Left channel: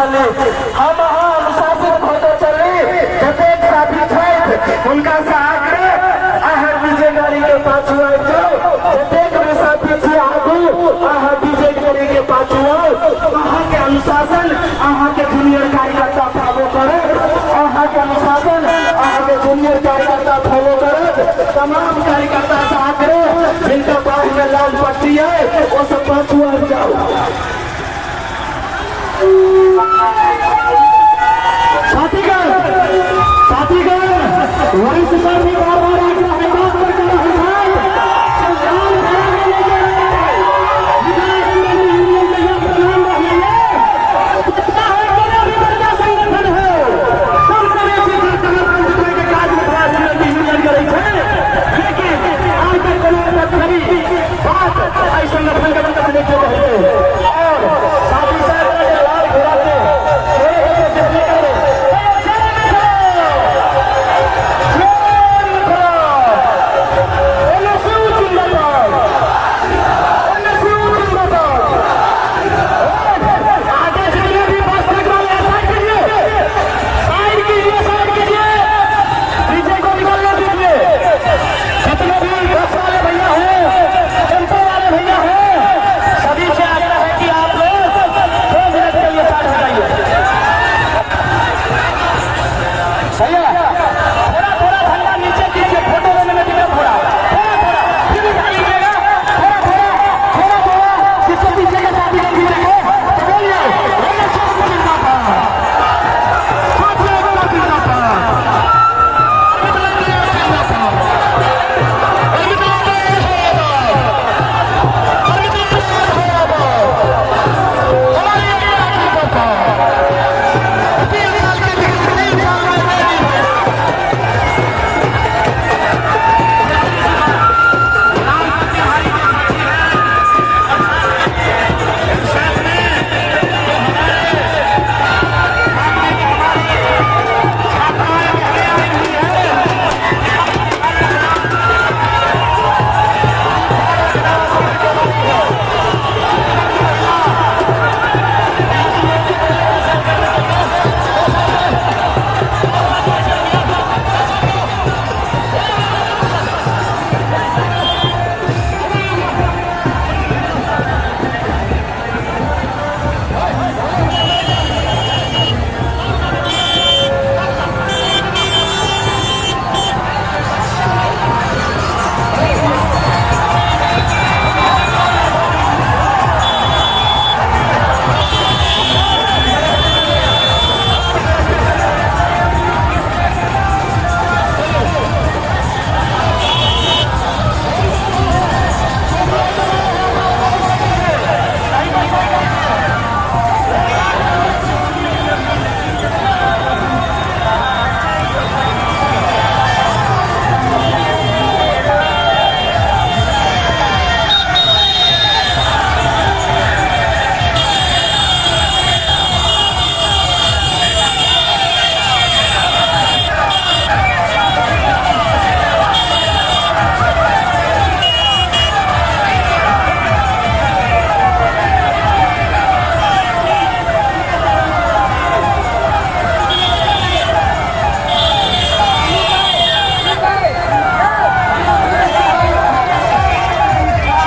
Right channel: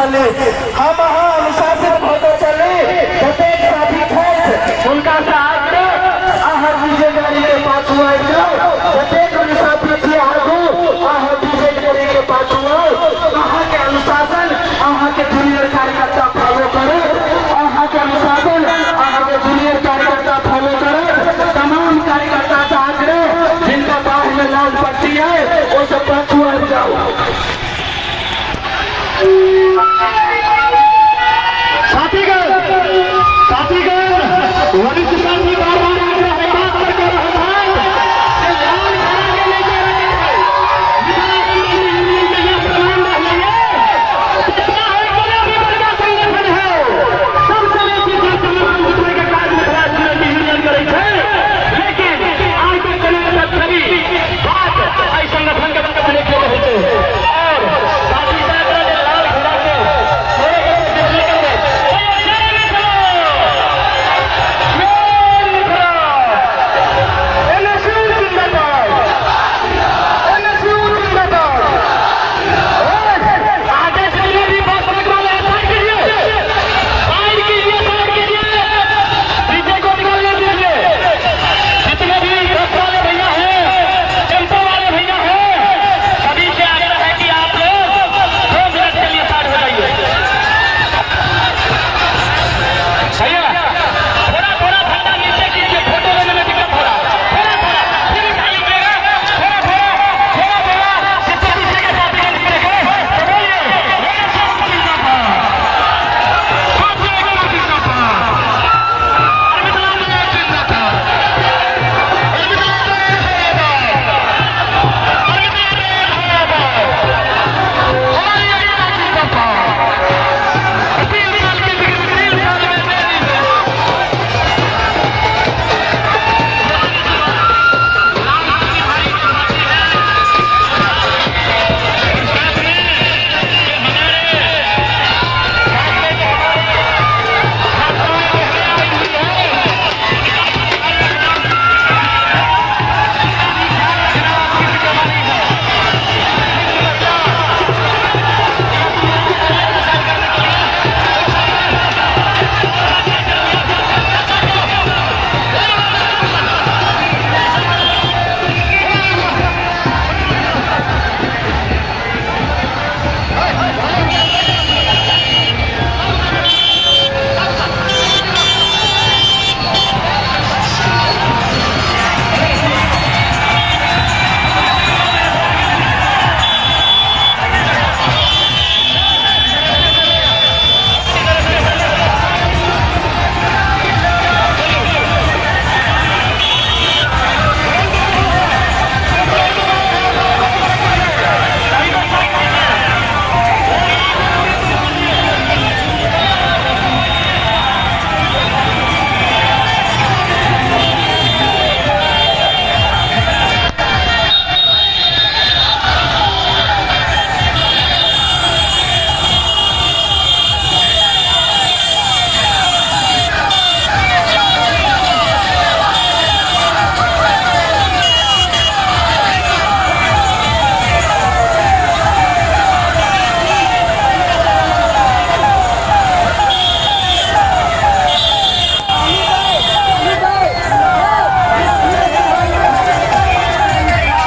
चली, हम अनुशासित होते चली। प्रत्येक साथी छथि हुनका से आग्रह अहाँ डीजे गाड़ी के पाछू आबि जाउ। प्रत्येक साथी छी आगू अहाँ डीजे गाड़ी के पाछू आउ। अहाँ के अनुशासन अहाँ के जूनियर कार्यकर्ता फॉलो करत, अहाँ के अनुशासन अहाँ के जूनियर कार्यकर्ता फॉलो करत। तमाम कार्यकर्ता से आग्रह जिनका बाहर में लाल पट्टी है वो सब पाछू आबि जाओ। साथीगण वरिष्ठ साथी